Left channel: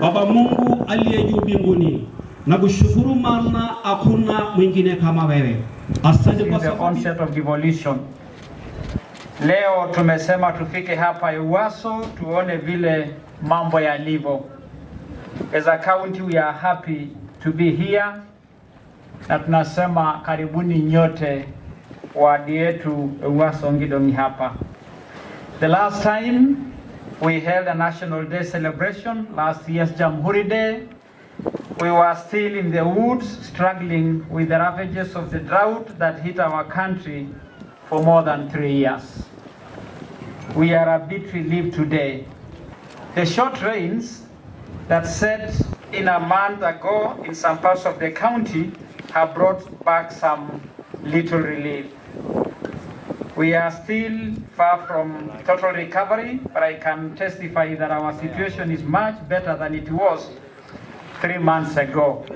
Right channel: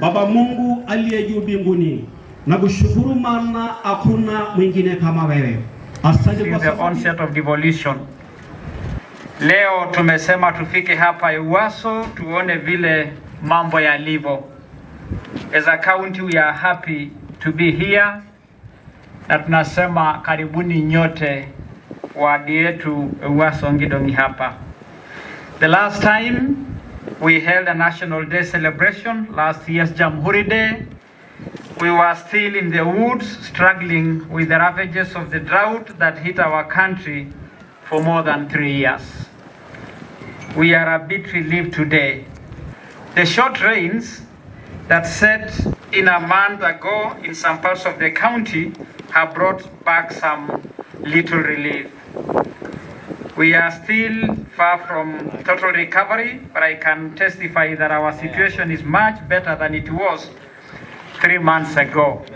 Baba Mungu aliye juu mbinguni, nakushukuru maana hakuna mwingine kama wewe. Asante kwa the onset of devolution. Leo tumesema tufike hapa Ewaso tuone vile mambo yalivyo. As a county we are happy to be here. Na tunasema karibuni nyote wadi yetu Ewaso Ngidongi hapa. The last time we held a National Day celebration, last year's Jamhuri Day, we were still in the woods struggling with the ravages of the drought that hit our country for more than 3 years. We are a bit relieved today. The short rains that set in a month ago in some parts of the county have brought back some little relief. We are still far from total recovery, but I can testify that our situation is much better than it was 3 months ago.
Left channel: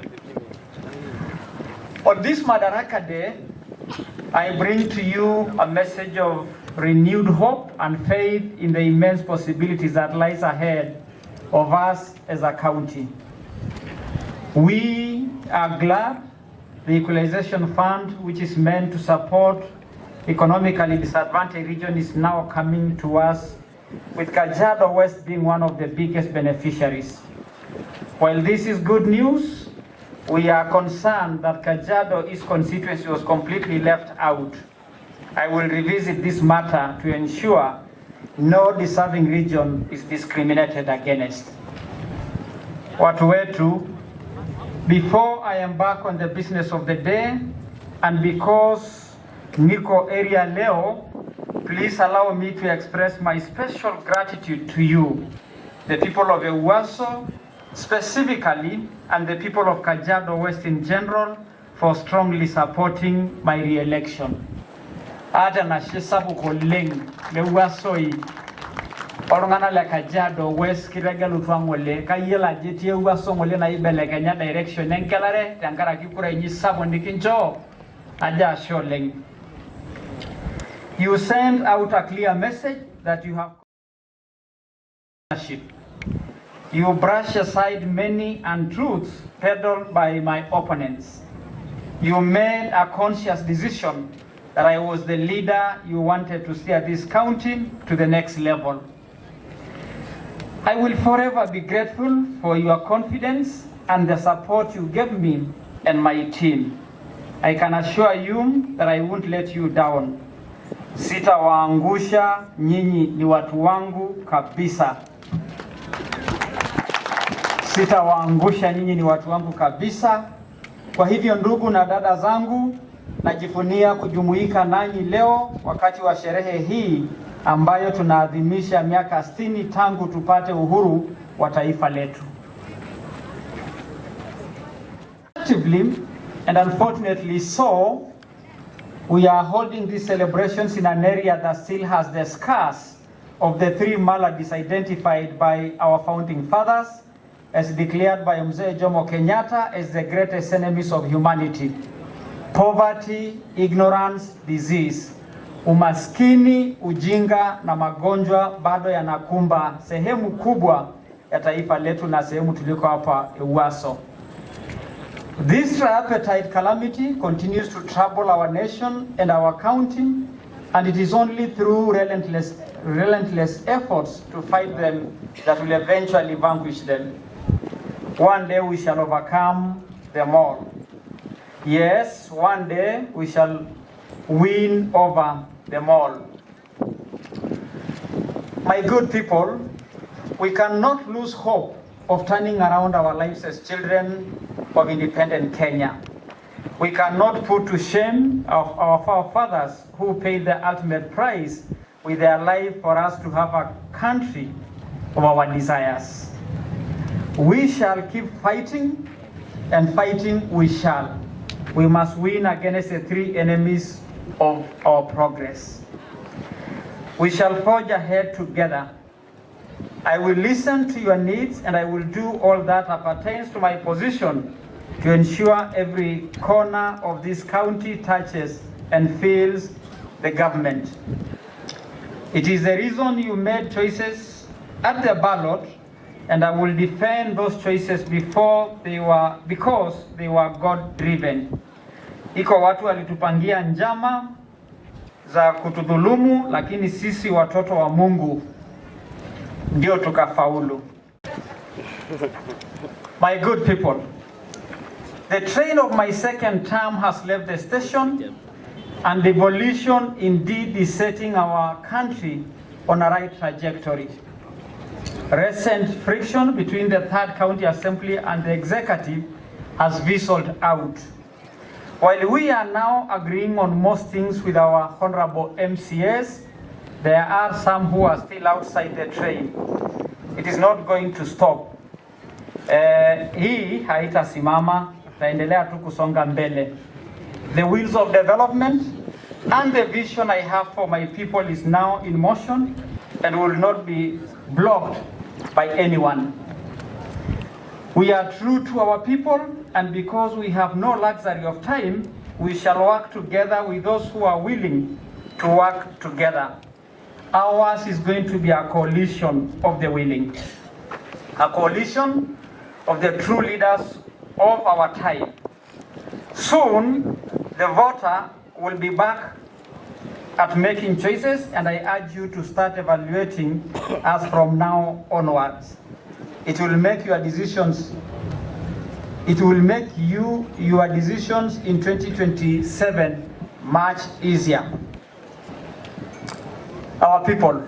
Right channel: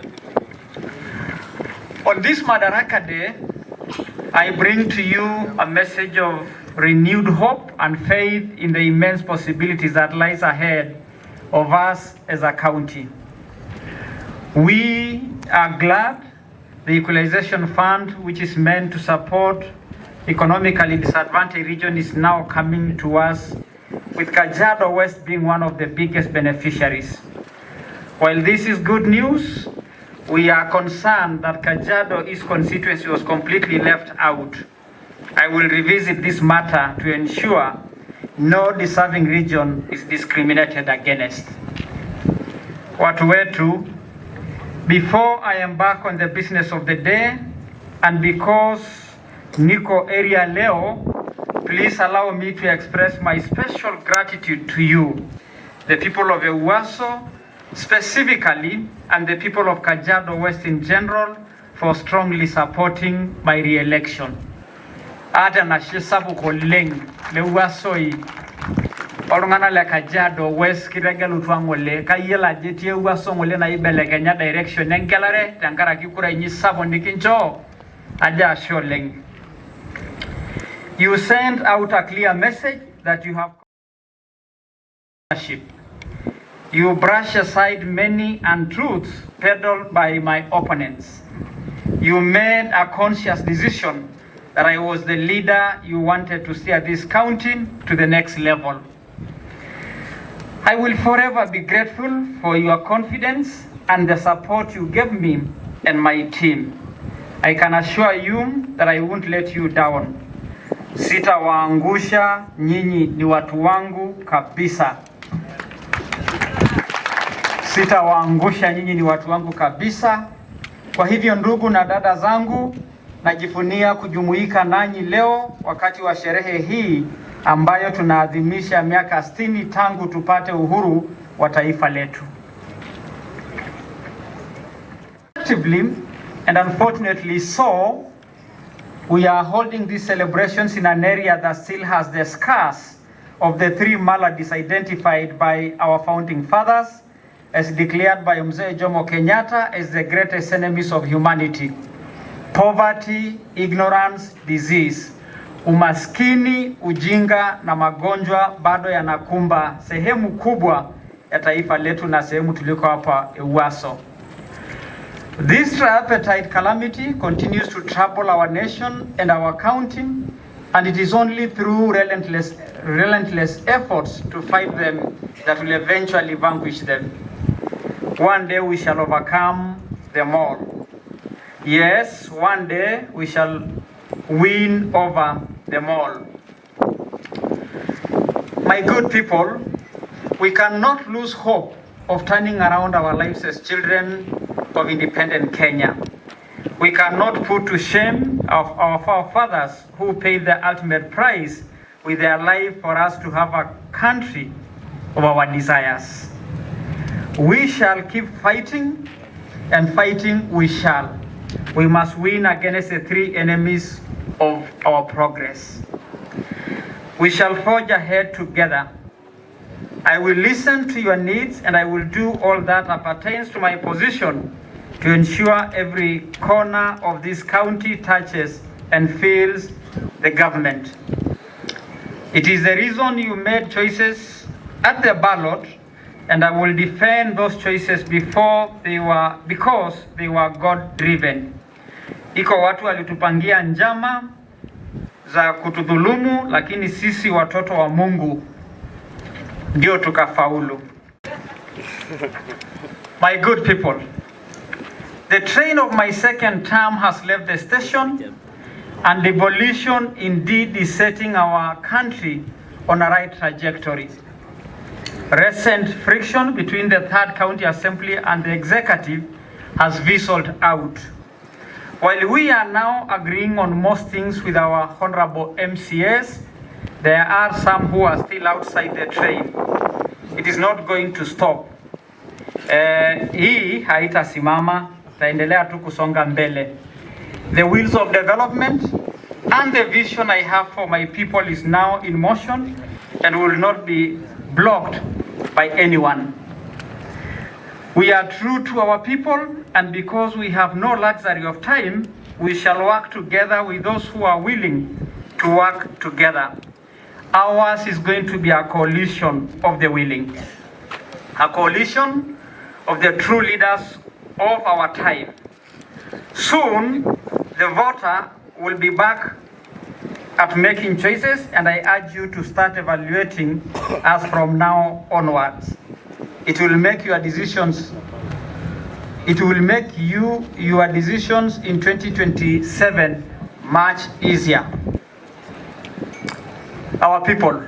On this Madaraka Day, I bring to you a message of renewed hope and faith in the immense possibilities that lies ahead of us as a county. We are glad the Equalization Fund, which is meant to support economically disadvantaged region, is now coming to us, with Kajiado West being one of the biggest beneficiaries. While this is good news, we are concerned that Kajiado East constituency was completely left out. I will revisit this matter to ensure no deserving region is discriminated against. Watu wetu, before I embark on the business of the day, and because Niko area leo, please allow me to express my special gratitude to you, the people of Ewaso specifically, and the people of Kajiado West in general, for strongly supporting my re-election. Ada na shisabu koleng lewasoi orungana le Kajiado West kiregelu twangole kayela jeti Ewaso ngole na ibele Kenya direction enkelare tankara kikura inyi sabo ndikinjo aja sholeng. You sent out a clear message that you have leadership. You brush aside many untruths peddled by my opponents. You made a conscious decision that I was the leader you wanted to steer this county to the next level. I will forever be grateful for your confidence and the support you gave me and my team. I can assure you that I won't let you down. Sitawaangusha, nyinyi ni watu wangu kabisa. Sitawaangusha, nyinyi ni watu wangu kabisa. Kwa hivyo ndugu na dada zangu, najivunia kujumuika nanyi leo wakati wa sherehe hii ambayo tunaadhimisha miaka 60 tangu tupate uhuru wa taifa letu. And unfortunately so, we are holding these celebrations in an area that still has the scars of the 3 maladies identified by our founding fathers, as declared by Mzee Jomo Kenyatta as the greatest enemies of humanity: poverty, ignorance, disease. Umaskini, ujinga na magonjwa bado yanakumba sehemu kubwa ya taifa letu na sehemu tuliko hapa Ewaso. This tripartite calamity continues to trouble our nation and our county, and it is only through relentless efforts to fight them that will eventually vanquish them. One day we shall overcome them all. Yes, one day we shall win over them all. My good people, we cannot lose hope of turning around our lives as children of independent Kenya. We cannot put to shame our forefathers who paid the ultimate price with their life for us to have a country of our desires. We shall keep fighting, and fighting we shall. We must win against the 3 enemies of our progress. We shall forge ahead together. I will listen to your needs, and I will do all that appertains to my position to ensure every corner of this county touches and feels the government. It is the reason you made choices at the ballot and I will defend those choices because they were God-driven. Iko watu walitupangia njama za kutudhulumu, lakini sisi watoto wa Mungu ndio tukafaulu. My good people, the train of my second term has left the station, and devolution indeed is setting our country on a right trajectory. Recent friction between the third county assembly and the executive has fizzled out. While we are now agreeing on most things with our honorable MCAs, there are some who are still outside the train. It is not going to stop. Hii haitasimama, taendelea tu kusonga mbele. The wheels of development and the vision I have for my people is now in motion and will not be blocked by anyone. We are true to our people, and because we have no luxury of time, we shall work together with those who are willing to work together. Ours is going to be a coalition of the willing, a coalition of the true leaders of our time. Soon, the voter will be back at making choices, and I urge you to start evaluating us from now onwards. It will make your decisions. It will make your decisions in 2027 much easier. Our people,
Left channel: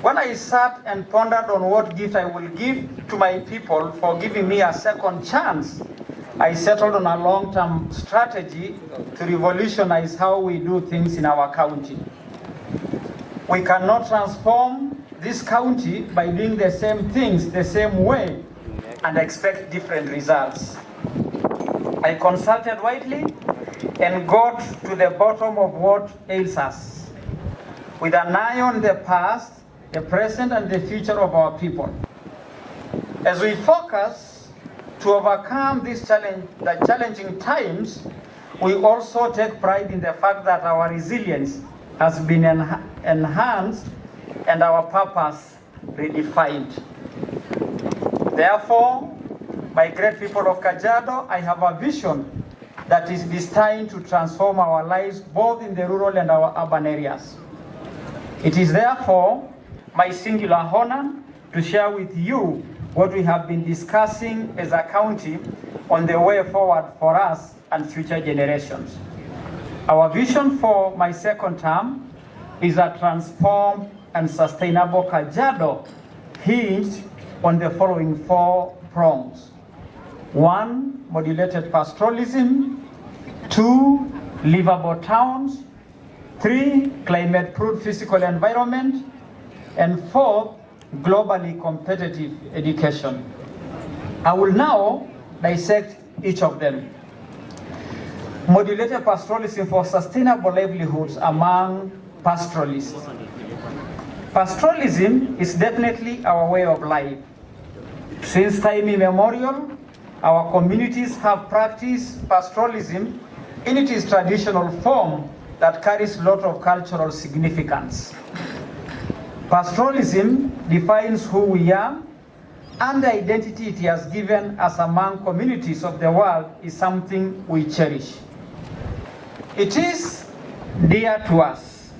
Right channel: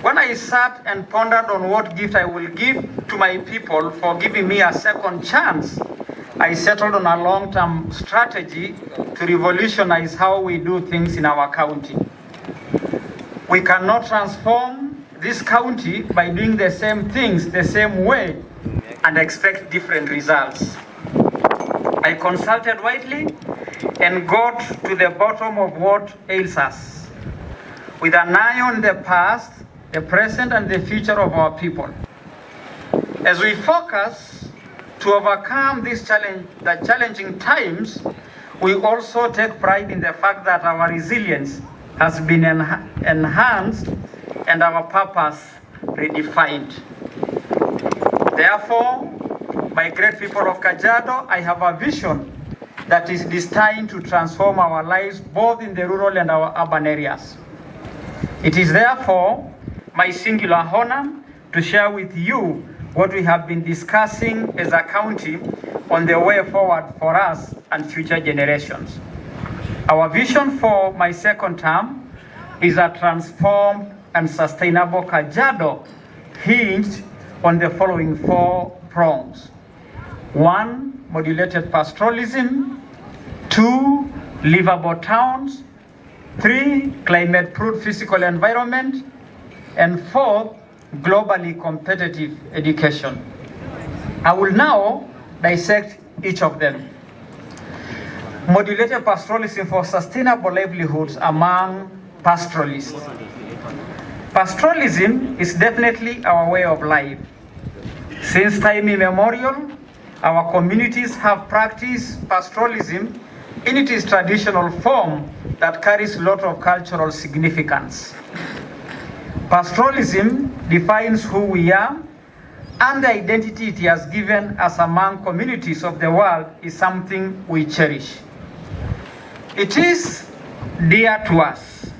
when I sat and pondered on what gift I will give to my people for giving me a second chance, I settled on a long-term strategy to revolutionize how we do things in our county. We cannot transform this county by doing the same things the same way and expect different results. I consulted widely and got to the bottom of what ails us, with an eye on the past, the present, and the future of our people. As we focus to overcome the challenging times, we also take pride in the fact that our resilience has been enhanced and our purpose redefined. Therefore, my great people of Kajiado, I have a vision that is destined to transform our lives both in the rural and our urban areas. It is therefore my singular honor to share with you what we have been discussing as a county on the way forward for us and future generations. Our vision for my second term is a transformed and sustainable Kajiado hinged on the following 4 prongs. 1, modulated pastoralism. 2, livable towns. 3, climate-proof physical environment. And 4, globally competitive education. I will now dissect each of them. Modulated pastoralism for sustainable livelihoods among pastoralists. Pastoralism is definitely our way of life. Since time immemorial, our communities have practiced pastoralism in its traditional form that carries a lot of cultural significance. Pastoralism defines who we are, and the identity it has given us among communities of the world is something we cherish. It is dear to us.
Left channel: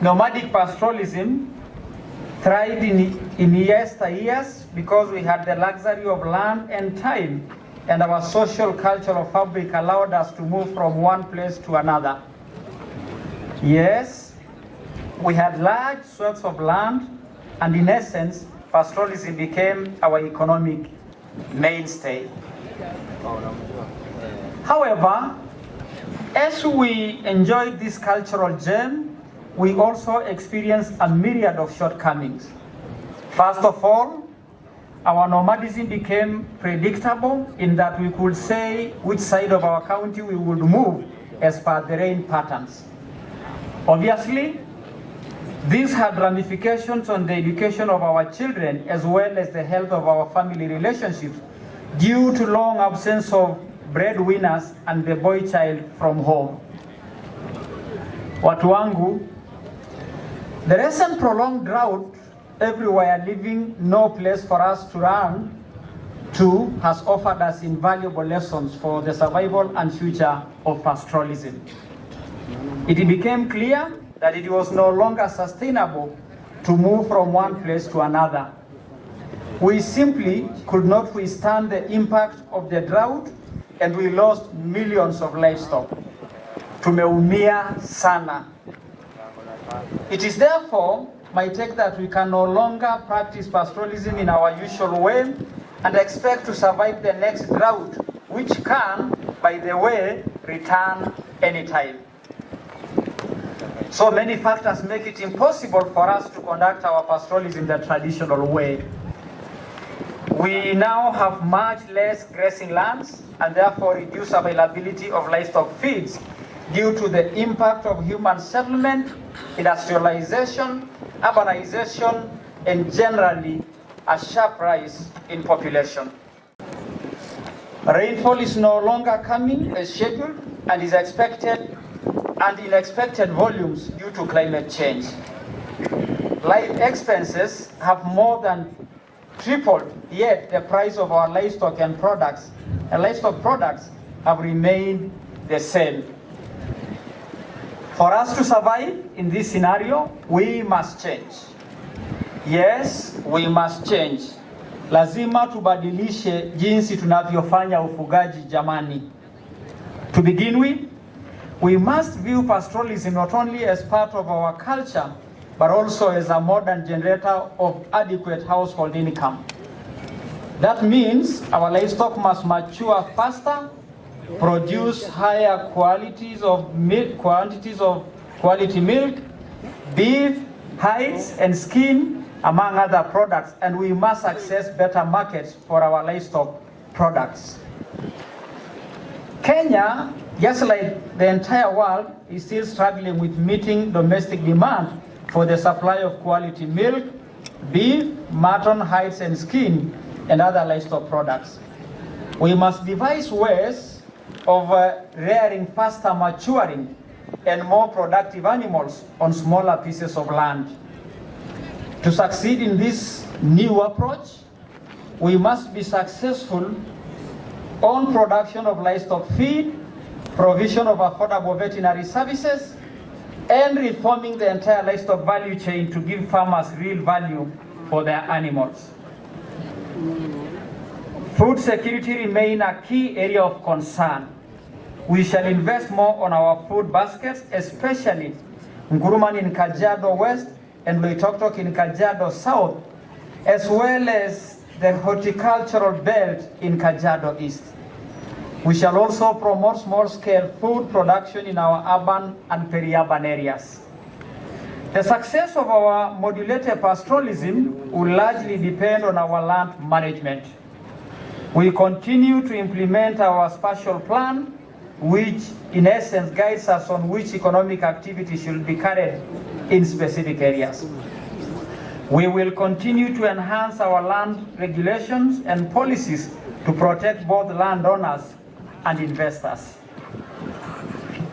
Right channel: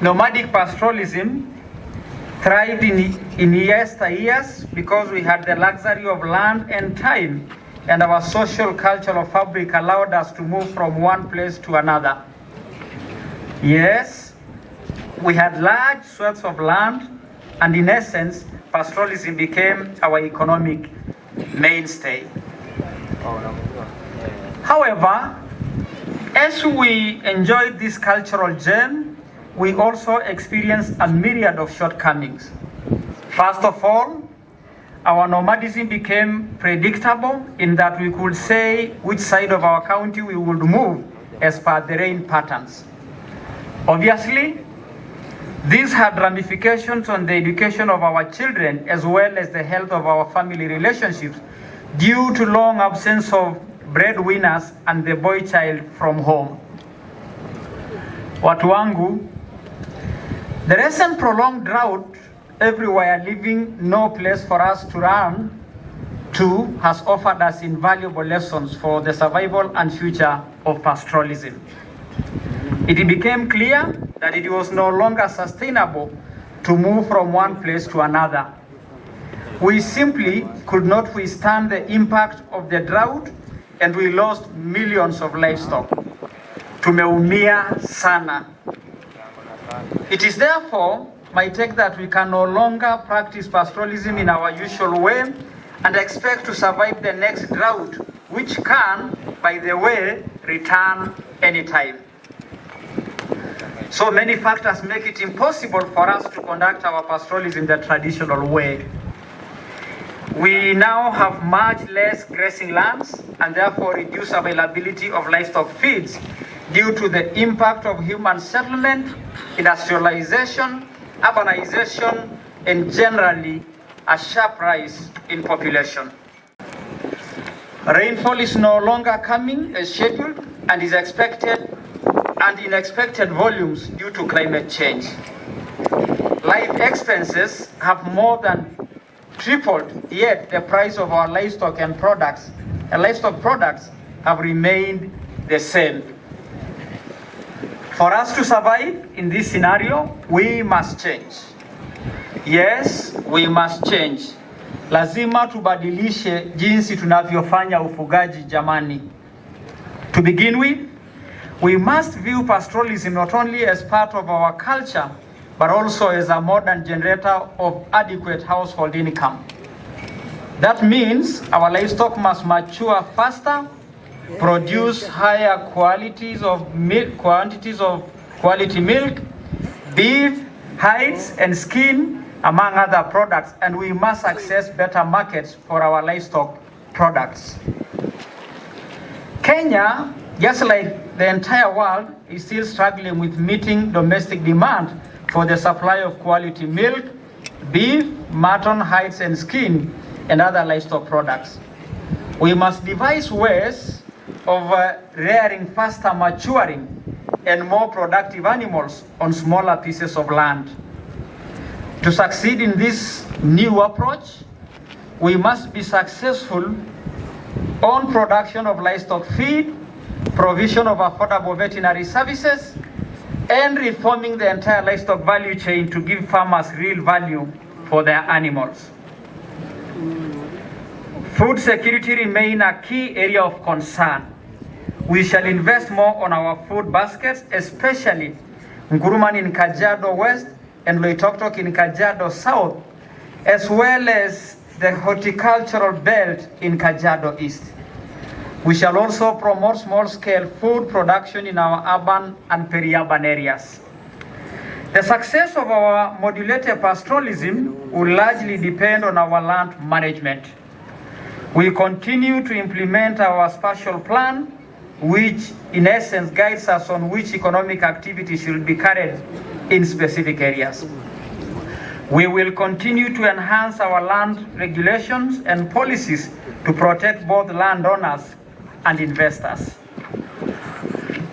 Nomadic pastoralism thrived in yesteryears because we had the luxury of land and time, and our social cultural fabric allowed us to move from one place to another. Yes, we had large swaths of land, and in essence, pastoralism became our economic mainstay. However, as we enjoyed this cultural gem, we also experienced a myriad of shortcomings. First of all, our nomadism became predictable in that we could say which side of our county we would move as per the rain patterns. Obviously, this had ramifications on the education of our children as well as the health of our family relationships due to long absence of breadwinners and the boy child from home. Watu wangu, the recent prolonged drought everywhere leaving no place for us to run to has offered us invaluable lessons for the survival and future of pastoralism. It became clear that it was no longer sustainable to move from one place to another. We simply could not withstand the impact of the drought, and we lost millions of livestock. Tumeumia sana. It is therefore my take that we can no longer practice pastoralism in our usual way and expect to survive the next drought, which can, by the way, return anytime. So many factors make it impossible for us to conduct our pastoralism the traditional way. We now have much less grazing lands and therefore reduced availability of livestock feeds due to the impact of human settlement, industrialization, urbanization, and generally a sharp rise in population. Rainfall is no longer coming as scheduled and is expected in expected volumes due to climate change. Life expenses have more than tripled, yet the price of our livestock products have remained the same. For us to survive in this scenario, we must change. Yes, we must change. Lazima tubadilishe jinsi tunavyofanya ufugaji jamani. To begin with, we must view pastoralism not only as part of our culture, but also as a modern generator of adequate household income. That means our livestock must mature faster, produce higher quantities of quality milk, beef, hides, and skin, among other products, and we must access better markets for our livestock products. Kenya, just like the entire world, is still struggling with meeting domestic demand for the supply of quality milk, beef, mutton, hides, and skin, and other livestock products. We must devise ways of rearing faster maturing and more productive animals on smaller pieces of land. To succeed in this new approach, we must be successful on production of livestock feed, provision of affordable veterinary services, and reforming the entire livestock value chain to give farmers real value for their animals. Food security remains a key area of concern. We shall invest more on our food baskets, especially Nguruman in Kajiado West and Loitoktok in Kajiado South, as well as the horticultural belt in Kajiado East. We shall also promote small-scale food production in our urban and peri-urban areas. The success of our modulated pastoralism will largely depend on our land management. We continue to implement our spatial plan, which in essence guides us on which economic activity should be carried in specific areas. We will continue to enhance our land regulations and policies to protect both landowners and investors.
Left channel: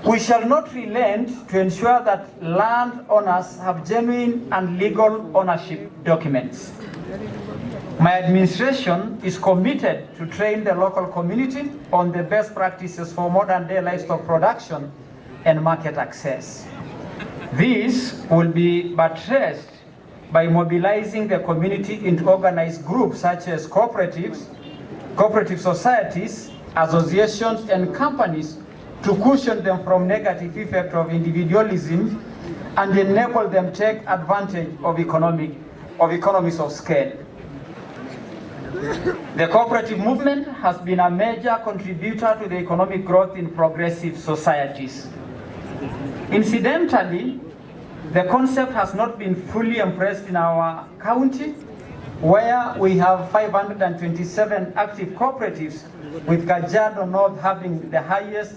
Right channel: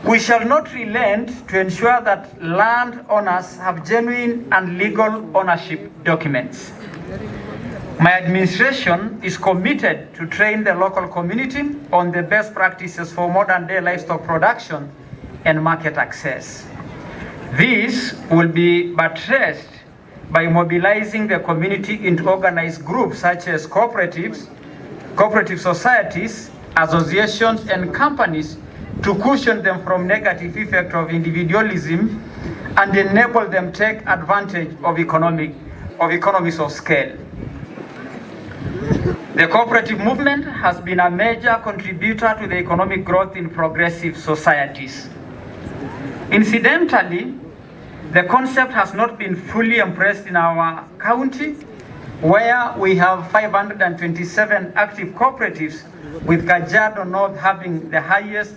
We shall not relent to ensure that landowners have genuine and legal ownership documents. My administration is committed to train the local community on the best practices for modern-day livestock production and market access. This will be buttressed by mobilizing the community into organized groups such as cooperatives, cooperative societies, associations, and companies to cushion them from negative effect of individualism and enable them to take advantage of economies of scale. The cooperative movement has been a major contributor to the economic growth in progressive societies. Incidentally, the concept has not been fully embraced in our county, where we have 527 active cooperatives, with Kajiado North having the highest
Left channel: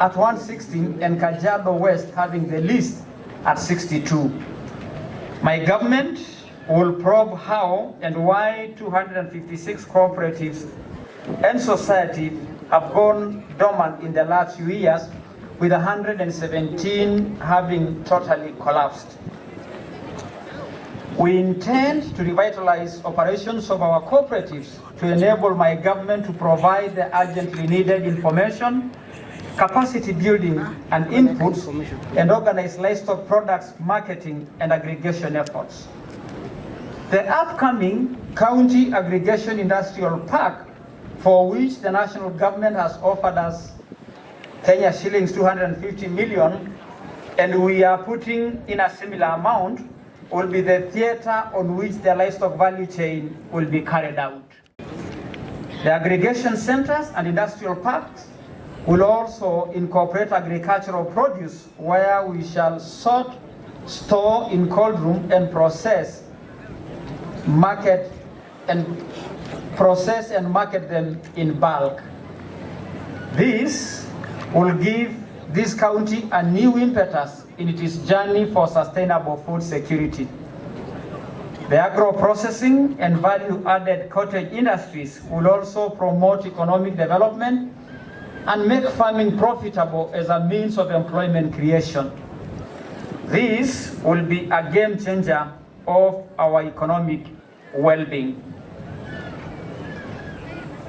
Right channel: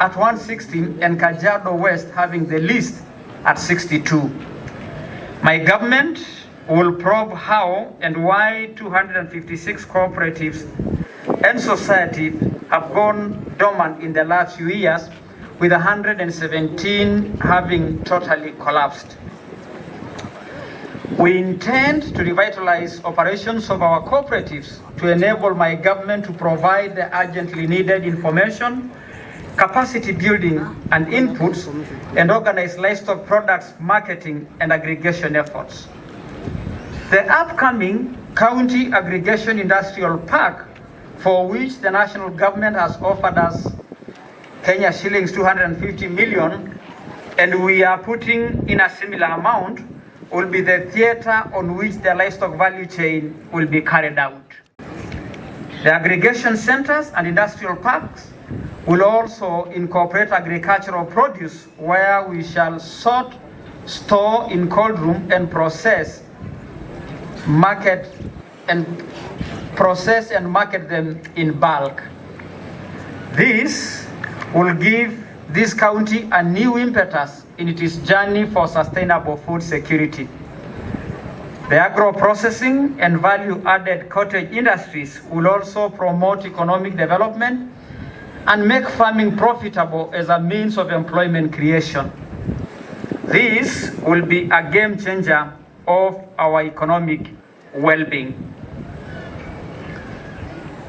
at 116 and Kajiado West having the least at 62. My government will probe how and why 256 cooperatives and societies have gone dormant in the last few years, with 117 having totally collapsed. We intend to revitalize operations of our cooperatives to enable my government to provide the urgently needed information, capacity building and inputs, and organize livestock products marketing and aggregation efforts. The upcoming County Aggregation Industrial Park, for which the national government has offered us Kenya shillings 250 million, and we are putting in a similar amount, will be the theater on which the livestock value chain will be carried out. The aggregation centers and industrial parks will also incorporate agricultural produce, where we shall sort, store in cold room and process, market and market them in bulk. This will give this county a new impetus in its journey for sustainable food security. The agro-processing and value-added cottage industries will also promote economic development and make farming profitable as a means of employment creation. This will be a game changer of our economic well-being.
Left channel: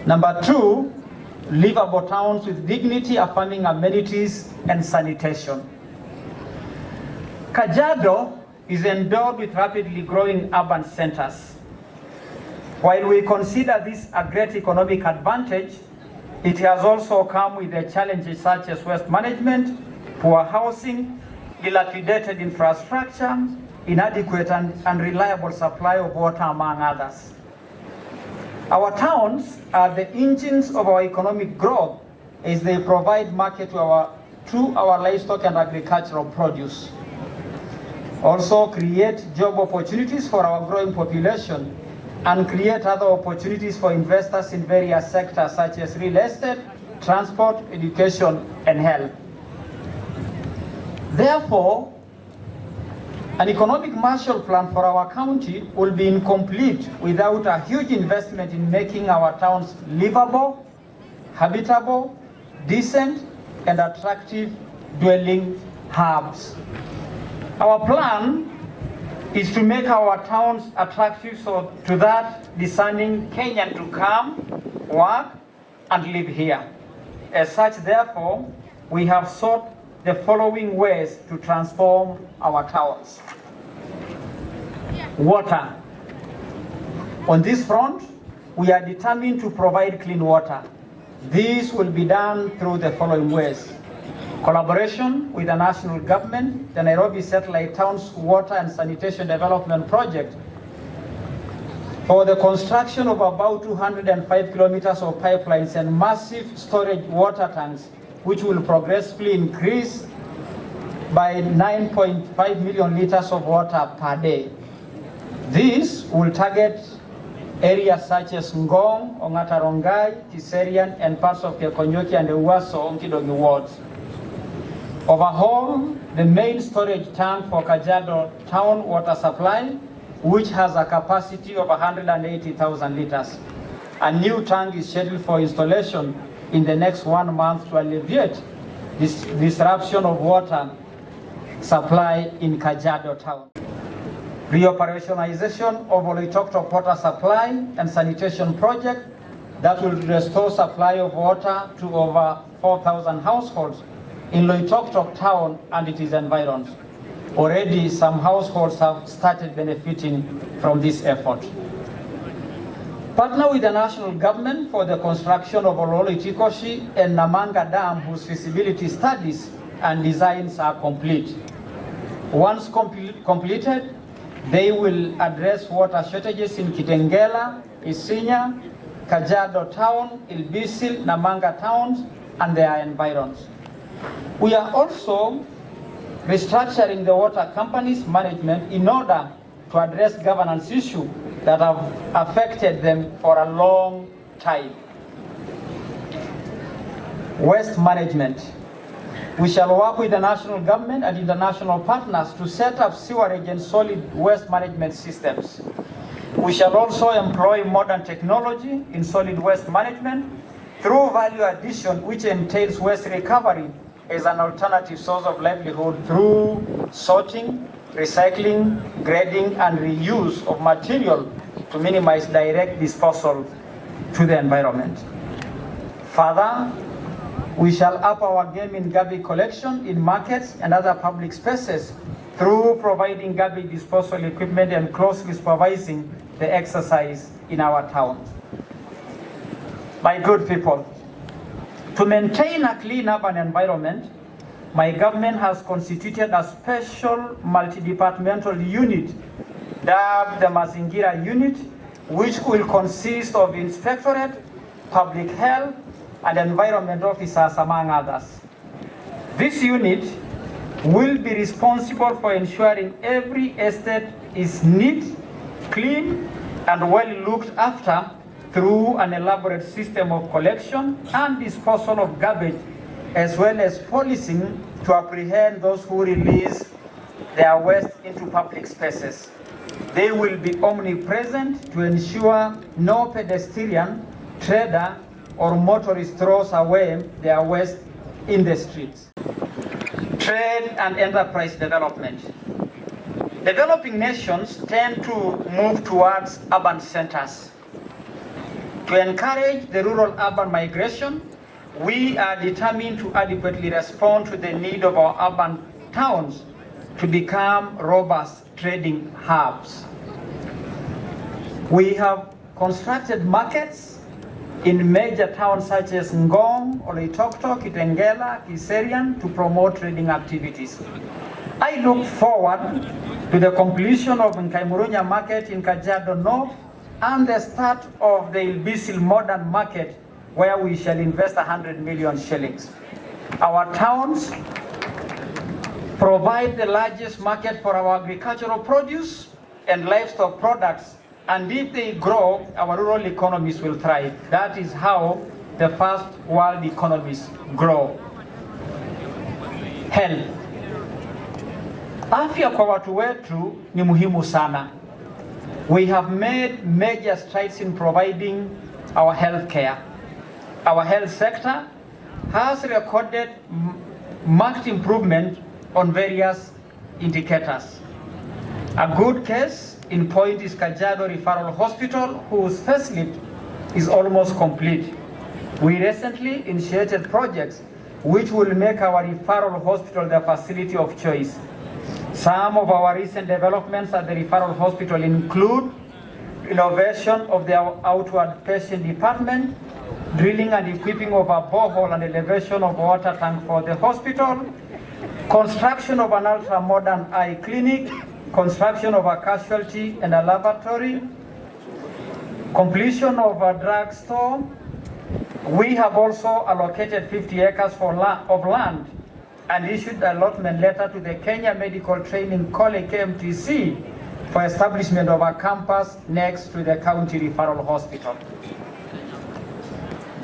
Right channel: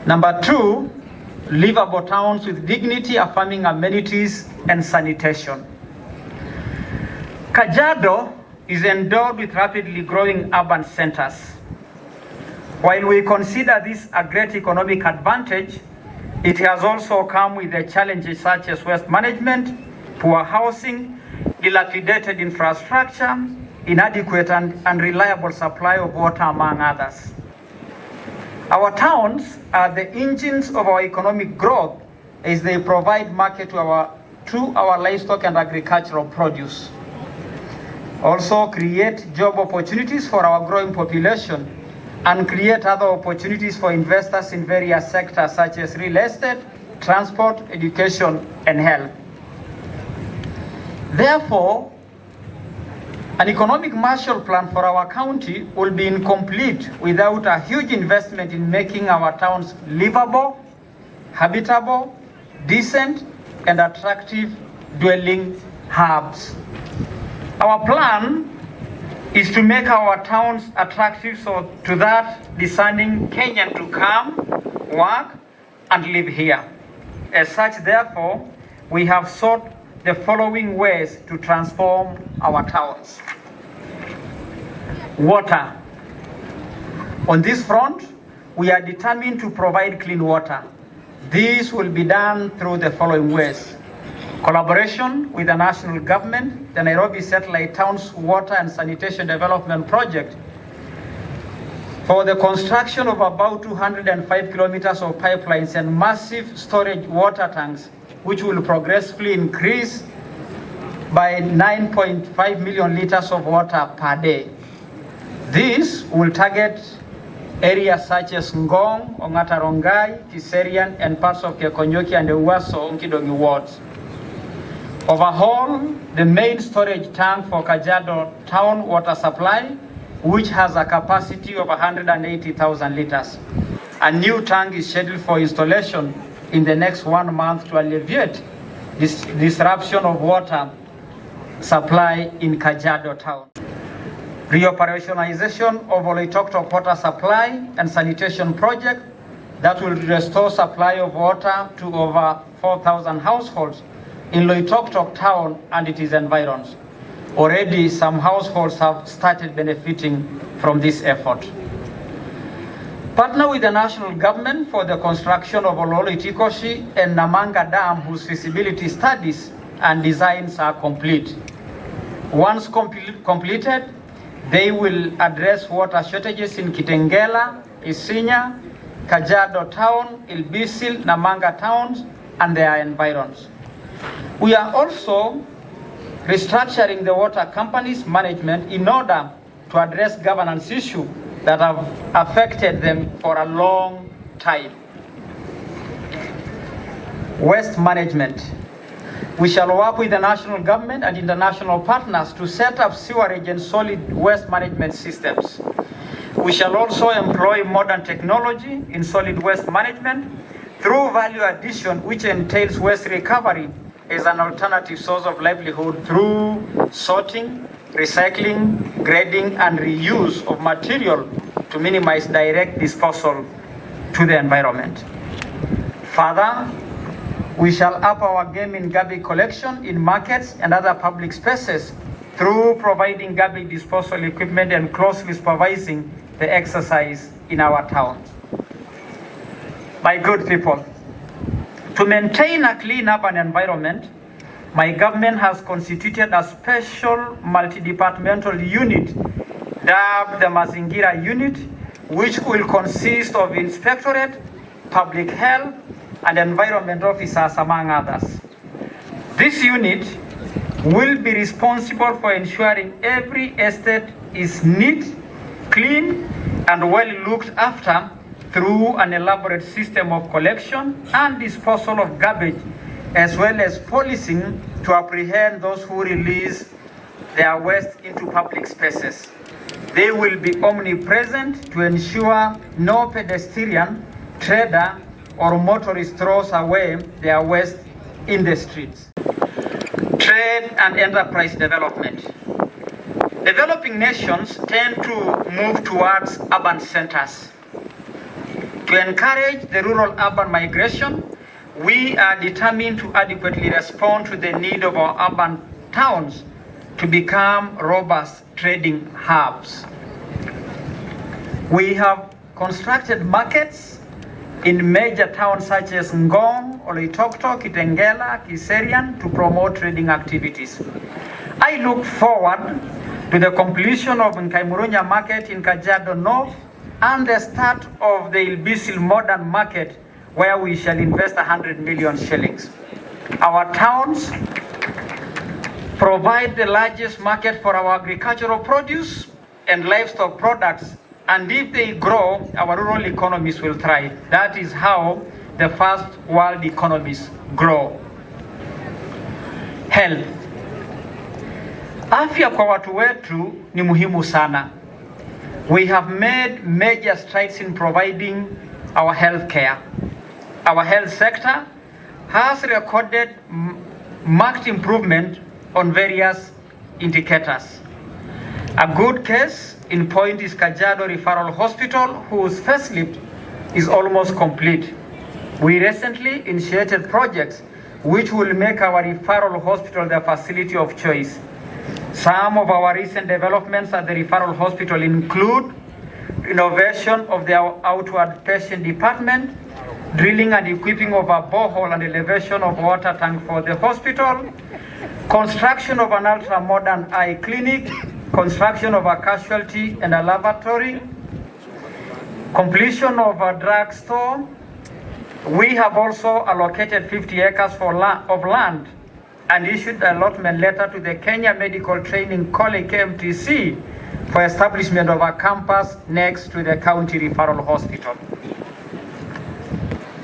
Number 2, livable towns with dignity, affirming amenities and sanitation. Kajiado is endowed with rapidly growing urban centers. While we consider this a great economic advantage, it has also come with the challenges such as waste management, poor housing, dilapidated infrastructure, inadequate and unreliable supply of water, among others. Our towns are the engines of our economic growth as they provide market to our livestock and agricultural produce. Also create job opportunities for our growing population and create other opportunities for investors in various sectors such as real estate, transport, education, and health. Therefore, an economic Marshall Plan for our county will be incomplete without a huge investment in making our towns livable, habitable, decent, and attractive dwelling hubs. Our plan is to make our towns attractive so to that discerning Kenyan to come, work, and live here. As such, therefore, we have sought the following ways to transform our towns. Water. On this front, we are determined to provide clean water. This will be done through the following ways. Collaboration with the national government, the Nairobi Satellite Towns Water and Sanitation Development Project, for the construction of about 205 kilometers of pipelines and massive storage water tanks, which will progressively increase by 9.5 million liters of water per day. This will target areas such as Ngong, Ongata Rongai, Kiserian, and parts of Kekonyoki and the Uwaso Onkidongi wards. Overhaul the main storage tank for Kajiado town water supply, which has a capacity of 180,000 liters. A new tank is scheduled for installation in the next 1 month to alleviate this disruption of water supply in Kajiado town. Reoperationalization of Oloitoktok water supply and sanitation project that will restore supply of water to over 4,000 households in Loitoktok town and its environs. Already some households have started benefiting from this effort. Partner with the national government for the construction of Ololo-Itikoshi and Namanga Dam, whose feasibility studies and designs are complete. Once completed, they will address water shortages in Kitengela, Isinya, Kajiado town, Ilbisil, Namanga towns, and their environs. We are also restructuring the water companies' management in order to address governance issues that have affected them for a long time. Waste management. We shall work with the national government and international partners to set up sewerage and solid waste management systems. We shall also employ modern technology in solid waste management through value addition, which entails waste recovery as an alternative source of livelihood through sorting, recycling, grading, and reuse of material to minimize direct disposal to the environment. Further, we shall up our game in garbage collection in markets and other public spaces through providing garbage disposal equipment and closely supervising the exercise in our town. My good people, to maintain a clean urban environment, my government has constituted a special multi-departmental unit dubbed the Mazingira Unit, which will consist of inspectorate, public health, and environment officers, among others. This unit will be responsible for ensuring every estate is neat, clean, and well looked after through an elaborate system of collection and disposal of garbage, as well as policing to apprehend those who release their waste into public spaces. They will be omnipresent to ensure no pedestrian, trader, or motorist throws away their waste in the streets. Trade and enterprise development. Developing nations tend to move towards urban centers. To encourage the rural-urban migration, we are determined to adequately respond to the need of our urban towns to become robust trading hubs. We have constructed markets in major towns such as Ngong, Oloitoktok, Kitengela, Kiserian to promote trading activities. I look forward to the completion of Nkaimurunya market in Kajiado North and the start of the Ilbisil modern market, where we shall invest 100 million shillings. Our towns provide the largest market for our agricultural produce and livestock products, and if they grow, our rural economies will thrive. That is how the first world economies grow. Health. Afya kwa watu wetu ni muhimu sana. We have made major strides in providing our health care. Our health sector has recorded marked improvement on various indicators. A good case in point is Kajiado Referral Hospital, whose facelift is almost complete. We recently initiated projects which will make our referral hospital the facility of choice. Some of our recent developments at the referral hospital include renovation of the outward patient department, drilling and equipping of a borehole and elevation of water tank for the hospital, construction of an ultra-modern eye clinic, construction of a casualty and a lavatory, completion of a drug store. We have also allocated 50 acres of land and issued an allotment letter to the Kenya Medical Training College, KMTC, for establishment of a campus next to the county referral hospital.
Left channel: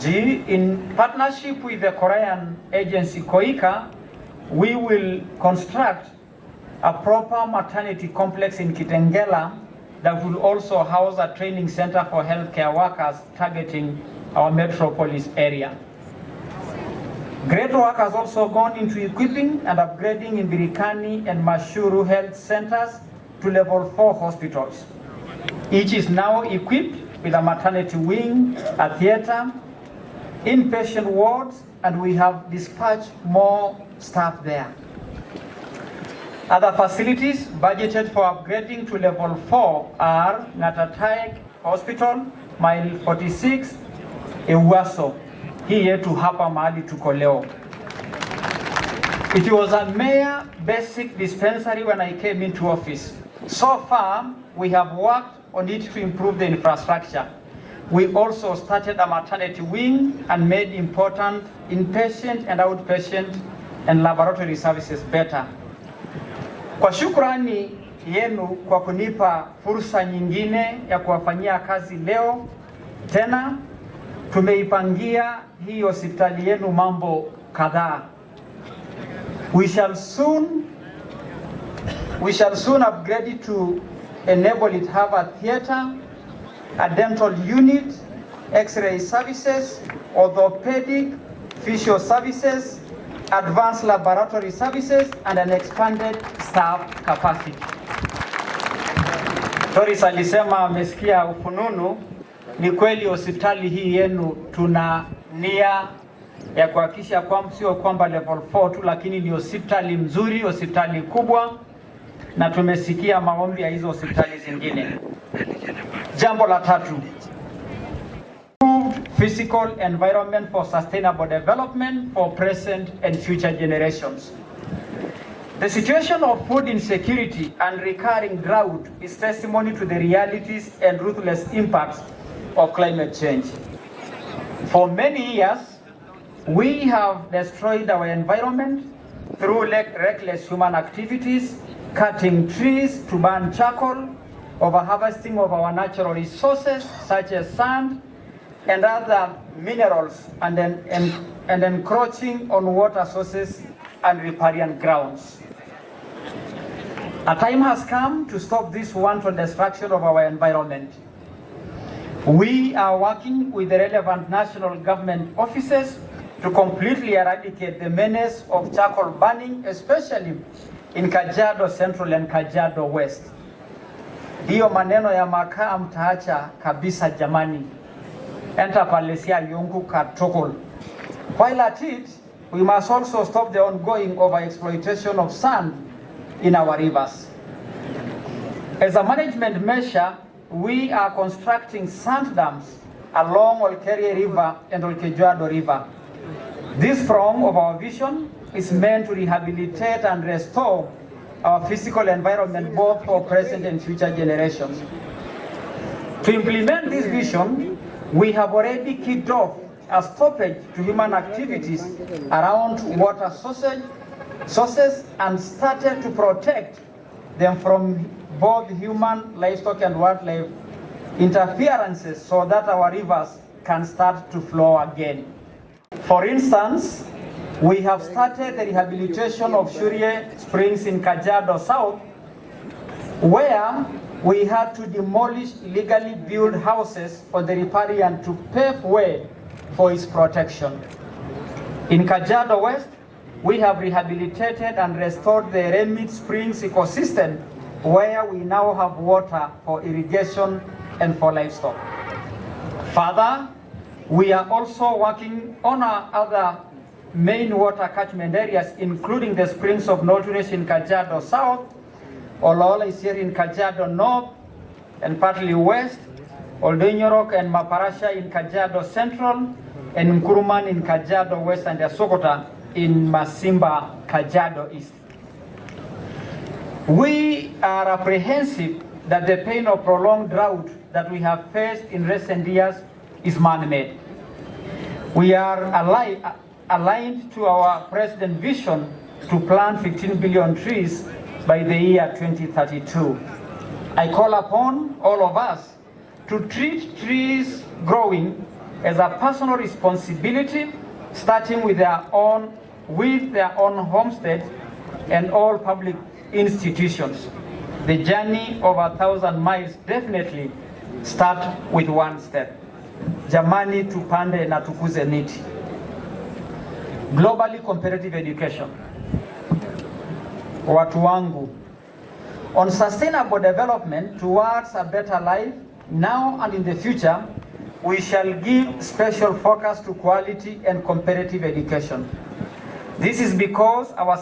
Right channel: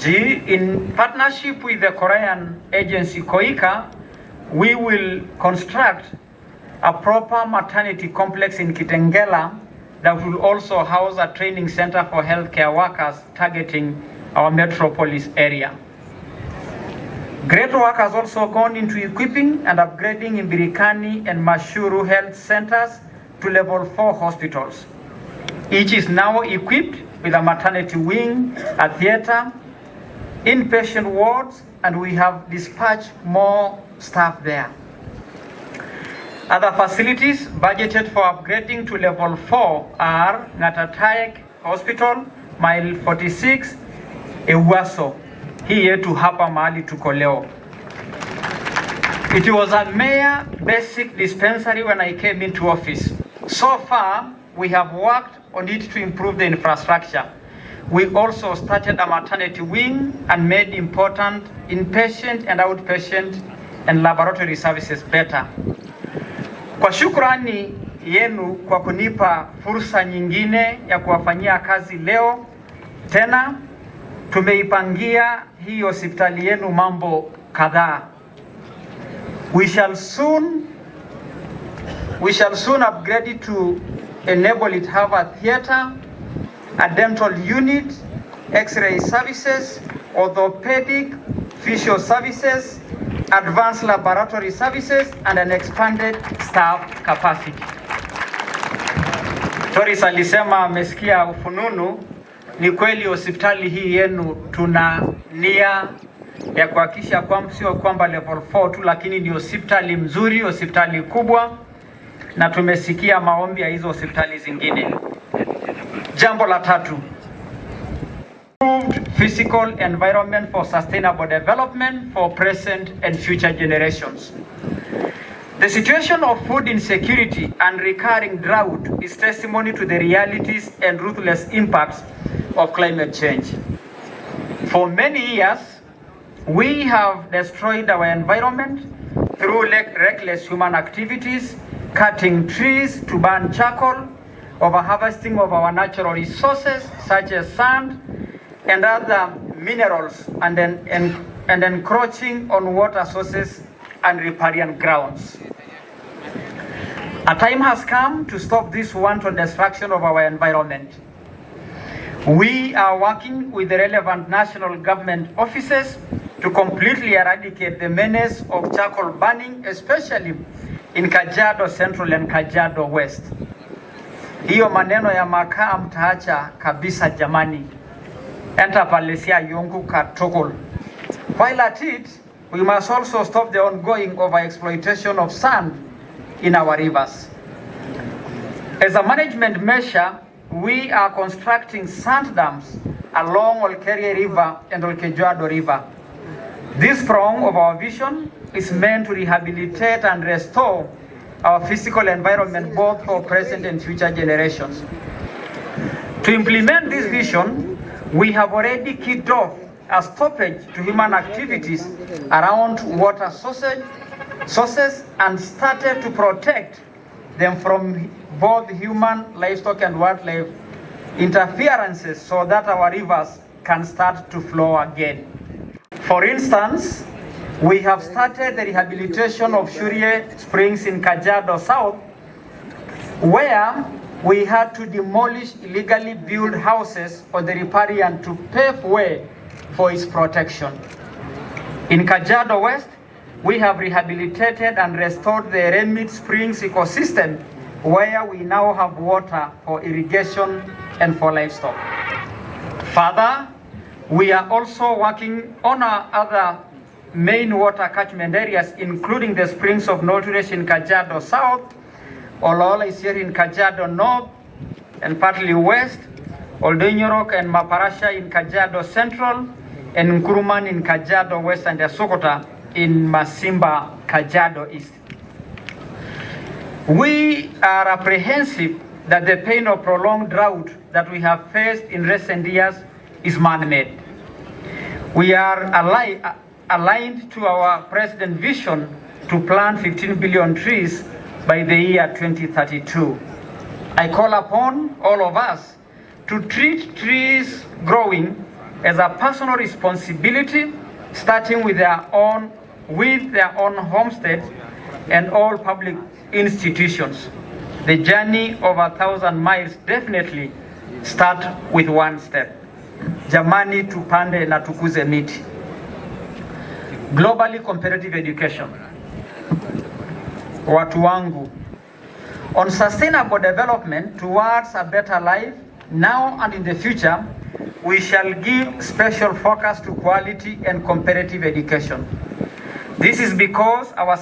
In partnership with the Korean agency KOICA, we will construct a proper maternity complex in Kitengela that will also house a training center for healthcare workers targeting our metropolis area. Great work has also gone into equipping and upgrading Imbirikani and Mashuru health centers to level 4 hospitals. Each is now equipped with a maternity wing, a theater, inpatient wards, and we have dispatched more staff there. Other facilities budgeted for upgrading to level 4 are Ngatatek Hospital, Mile 46, Ewaso, hii yetu hapa mahali tuko leo. It was a mere basic dispensary when I came into office. So far, we have worked on it to improve the infrastructure. We also started a maternity wing and made important inpatient and outpatient and laboratory services better. Kwa shukrani yenu kwa kunipa fursa nyingine ya kuwafanyia kazi leo, tena tumeipangia hii hospitali yenu mambo kadhaa. We shall soon upgrade it to enable it to have a theater, a dental unit, x-ray services, orthopedic, physio services, advanced laboratory services, and an expanded staff capacity. Toris alisema amesikia ufununu. Ni kweli hospitali hii yenu tuna nia ya kuhakikisha kwamba sio kwamba level 4 tu, lakini ni hospitali mzuri, hospitali kubwa, na tumesikia maombi ya hizo hospitali zingine. Jambo la tatu, improved physical environment for sustainable development for present and future generations. The situation of food insecurity and recurring drought is testimony to the realities and ruthless impacts of climate change. For many years, we have destroyed our environment through reckless human activities, cutting trees to burn charcoal, over-harvesting of our natural resources such as sand and other minerals, and encroaching on water sources and riparian grounds. A time has come to stop this wanton destruction of our environment. We are working with the relevant national government offices to completely eradicate the menace of charcoal burning, especially in Kajiado Central and Kajiado West. Hiyo maneno ya makaa mtaacha kabisa jamani. Enter Palesia Yungu Katokol. While at it, we must also stop the ongoing overexploitation of sand in our rivers. As a management measure, we are constructing sand dams along Olkerie River and Kajiado River. This prong of our vision is meant to rehabilitate and restore our physical environment both for present and future generations. To implement this vision, we have already kicked off a stoppage to human activities around water sources and started to protect them from both human, livestock, and wildlife interferences so that our rivers can start to flow again. For instance, we have started the rehabilitation of Shurie Springs in Kajiado South, where we had to demolish illegally built houses on the riparian to pave way for its protection. In Kajiado West, we have rehabilitated and restored the Remit Springs ecosystem, where we now have water for irrigation and for livestock. Further, we are also working on our other main water catchment areas, including the springs of Norturesh in Kajiado South, Olola is here in Kajiado North and partly West, Oldonyorok and Maparasha in Kajiado Central, and Nkuruman in Kajiado West, and Sokota in Masimba, Kajiado East. We are apprehensive that the pain of prolonged drought that we have faced in recent years is man-made. We are aligned to our President's vision to plant 15 billion trees by the year 2032. I call upon all of us to treat trees growing as a personal responsibility, starting with their own homesteads and all public institutions. The journey of 1,000 miles definitely start with one step. Jamani, tupande na tukuze miti. Globally competitive education. Watu wangu. On sustainable development towards a better life now and in the future, we shall give special focus to quality and competitive education. This is because the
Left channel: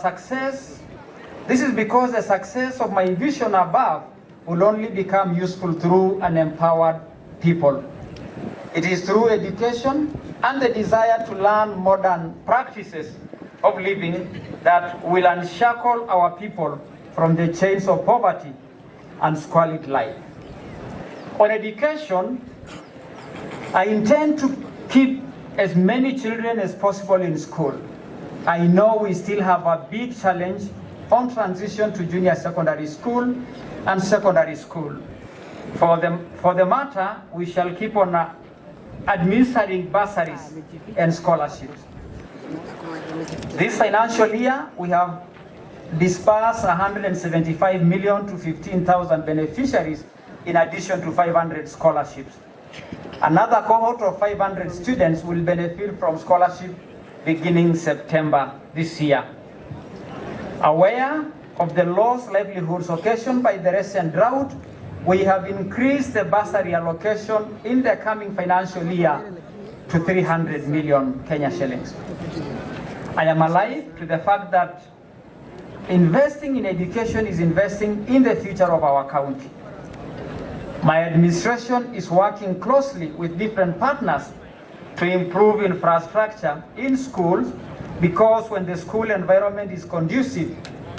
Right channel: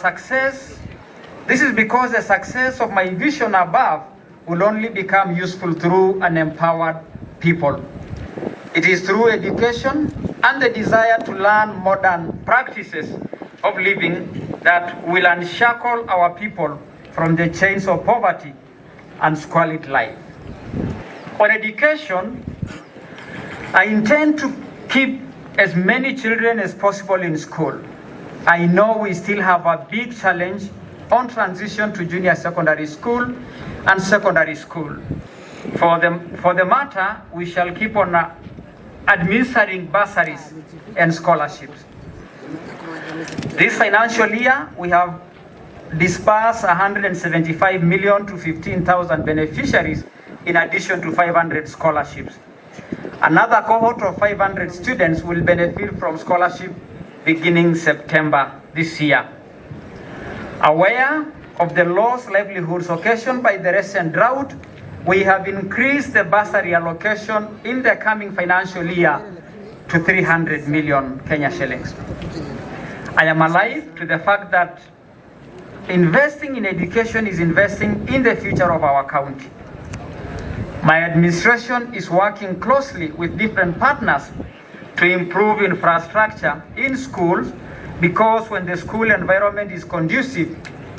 success of my vision above will only become useful through an empowered people. It is through education and the desire to learn modern practices of living that will unshackle our people from the chains of poverty and squalid life. On education, I intend to keep as many children as possible in school. I know we still have a big challenge on transition to junior secondary school and secondary school. For the matter, we shall keep on administering bursaries and scholarships. This financial year, we have dispersed 175 million to 15,000 beneficiaries in addition to 500 scholarships. Another cohort of 500 students will benefit from scholarship beginning September. this year. Aware of the lost livelihoods occasioned by the recent drought, we have increased the bursary allocation in the coming financial year to 300 million Kenya shillings. I am alive to the fact that investing in education is investing in the future of our county. My administration is working closely with different partners to improve infrastructure in schools, because when the school environment is conducive,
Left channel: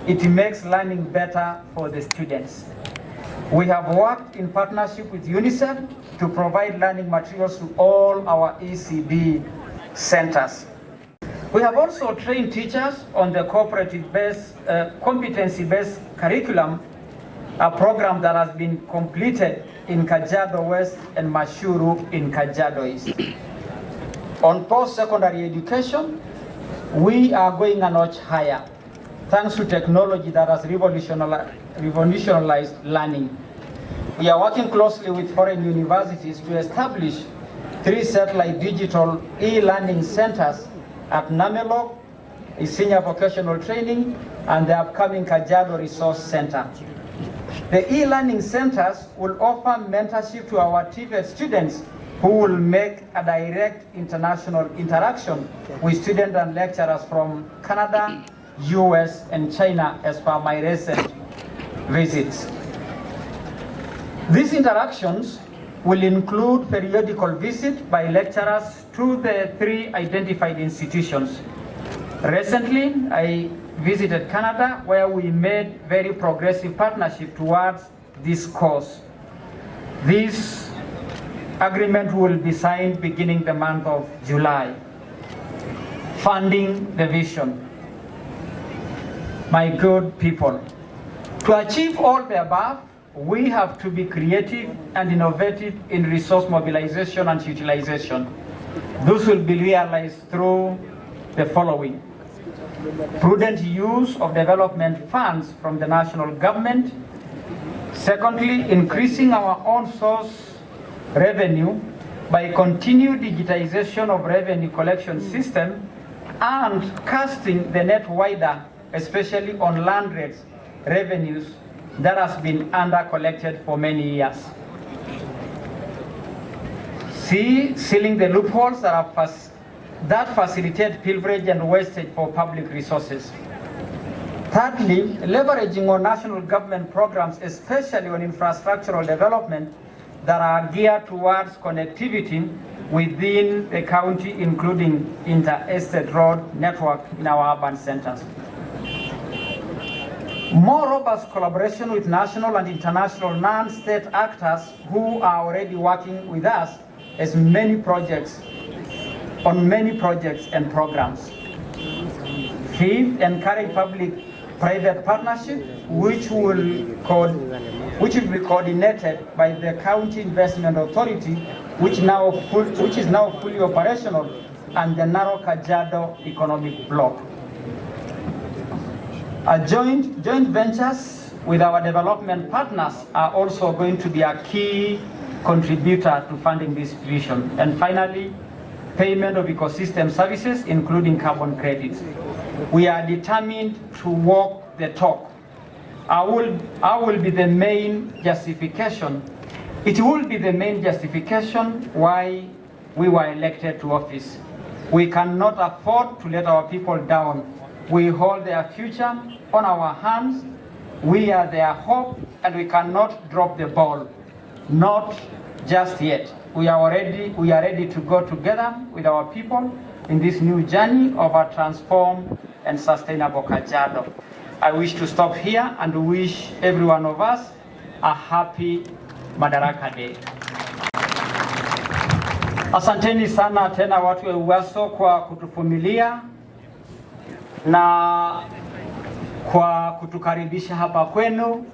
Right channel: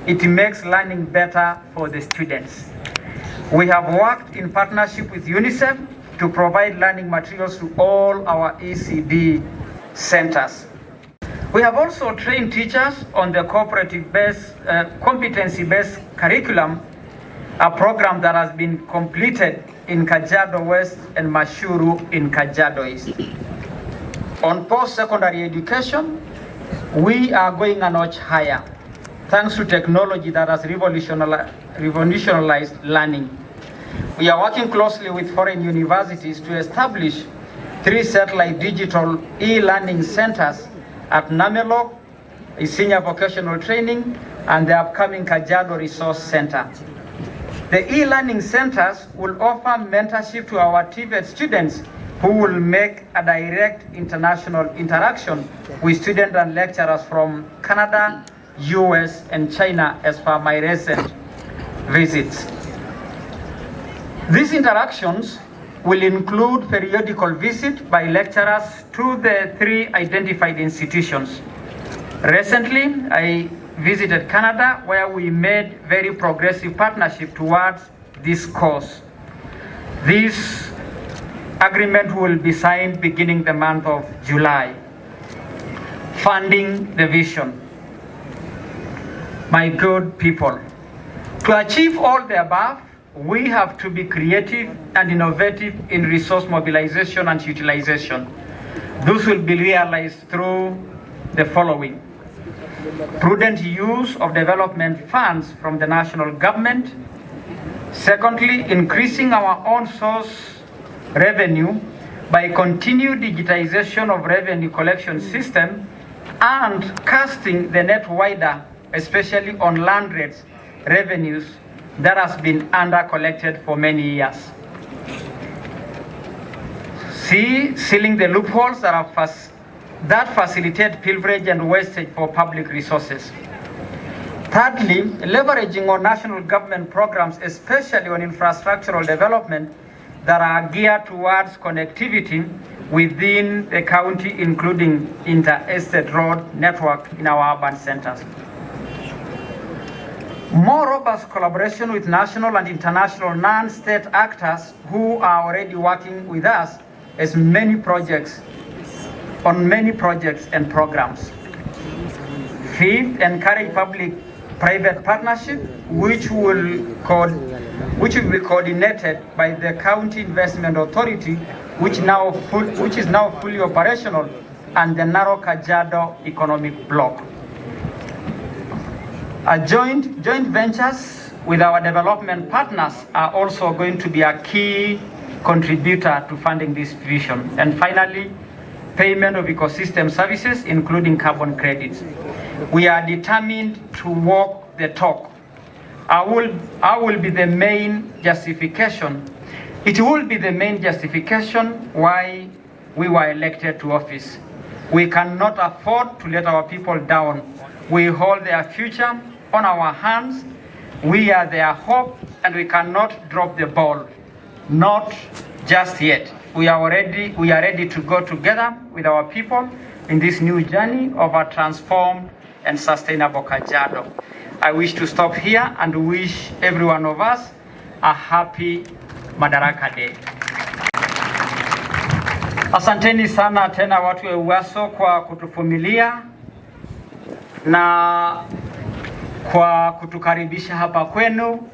it makes learning better for the students. We have worked in partnership with UNICEF to provide learning materials to all our ECD centers. We have also trained teachers on the cooperative-based, competency-based curriculum, a program that has been completed in Kajiado West and Mashuru in Kajiado East. On post-secondary education, we are going a notch higher, thanks to technology that has revolutionized learning. We are working closely with foreign universities to establish 3 satellite digital e-learning centers at Namelok, a senior vocational training, and the upcoming Kajiado Resource Center. The e-learning centers will offer mentorship to our TVET students who will make a direct international interaction with students and lecturers from Canada, US, and China as per my recent visits. These interactions will include periodical visits by lecturers to the 3 identified institutions. Recently, I visited Canada, where we made very progressive partnership towards this cause. This agreement will be signed beginning the month of July. Funding the vision. My good people, to achieve all the above, we have to be creative and innovative in resource mobilization and utilization. This will be realized through the following: prudent use of development funds from the national government. Secondly, increasing our own source revenue by continued digitization of revenue collection system and casting the net wider, especially on land rates revenues that has been under-collected for many years. C, sealing the loopholes that facilitate pilferage and wastage for public resources. Thirdly, leveraging on national government programs, especially on infrastructural development that are geared towards connectivity within the county, including inter-estate road network in our urban centers. More robust collaboration with national and international non-state actors who are already working with us on many projects and programs. Fifth, encourage public-private partnership, which will be coordinated by the County Investment Authority, which is now fully operational, and the narrow Kajiado economic bloc. Joint ventures with our development partners are also going to be a key contributor to funding this vision. And finally, payment of ecosystem services, including carbon credits. We are determined to walk the talk. I will be the main justification. It will be the main justification why we were elected to office. We cannot afford to let our people down. We hold their future on our hands. We are their hope, and we cannot drop the ball. Not just yet. We are ready to go together with our people in this new journey of a transformed and sustainable Kajiado. I wish to stop here and wish every one of us a happy Madaraka Day. Asanteni sana tena watu wa Uwaso kwa kutuvumilia na kwa kutukaribisha hapa kwenu.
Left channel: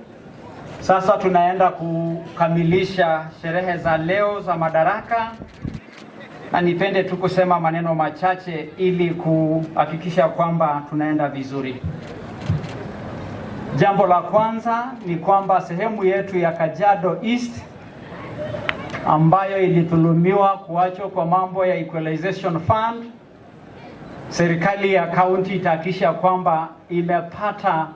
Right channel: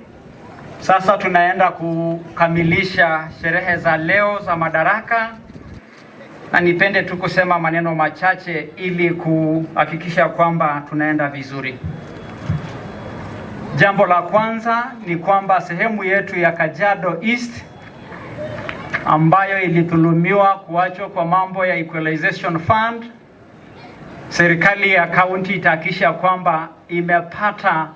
Sasa tunaenda kukamilisha sherehe za leo za Madaraka, na nipende tu kusema maneno machache ili kuhakikisha kwamba tunaenda vizuri. Jambo la kwanza ni kwamba sehemu yetu ya Kajiado East ambayo ilithulumiwa kuachwa kwa mambo ya Equalization Fund serikali ya kaunti itahakikisha kwamba imepata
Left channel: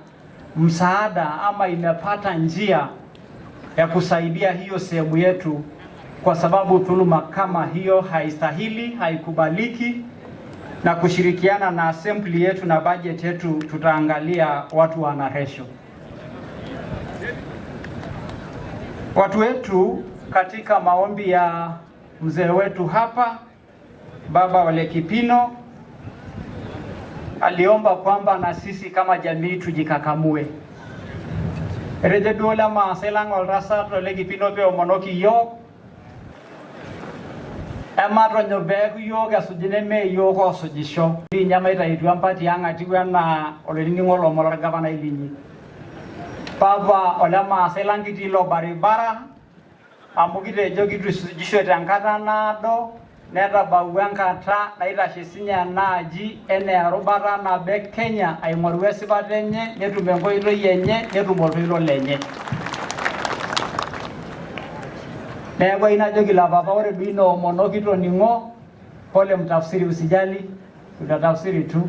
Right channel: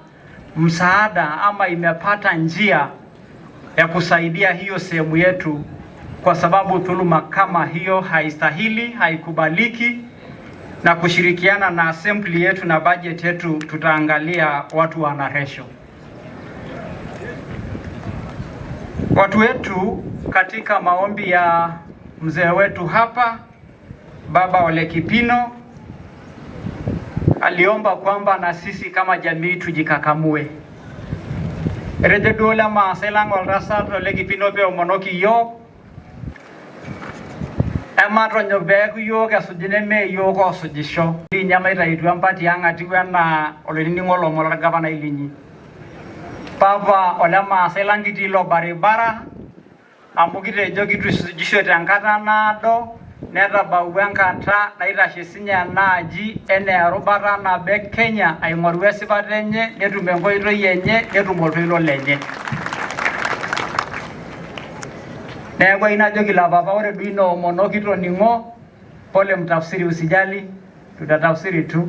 msaada ama imepata njia ya kusaidia hiyo sehemu yetu, kwa sababu dhuluma kama hiyo haistahili, haikubaliki, na kushirikiana na assembly yetu na budget yetu tutaangalia watu wana resho. Watu wetu katika maombi ya mzee wetu hapa Baba Ole Kipino aliomba kwamba na sisi kama jamii tujikakamue. Rejedola maselang walrasa Ole Kipino pe omonoki yo Ematro nyobegu yo gasujine me yo ko sujisho. Ni nyama itaitu ampati anga tiwana ole ningolo molar gavana ilinyi. Papa ole maselang kitilo baribara amukite jogitu sujisho tankata nado neta bawuenkata naitashe sinya naaji ene arubata nabe Kenya aing'oru esipata enye netum enkoitoi enye netum oltoilo lenye. Neeku inajoki la papa ore duino omonokito ning'o pole mtafsiri usijali tutatafsiri tu.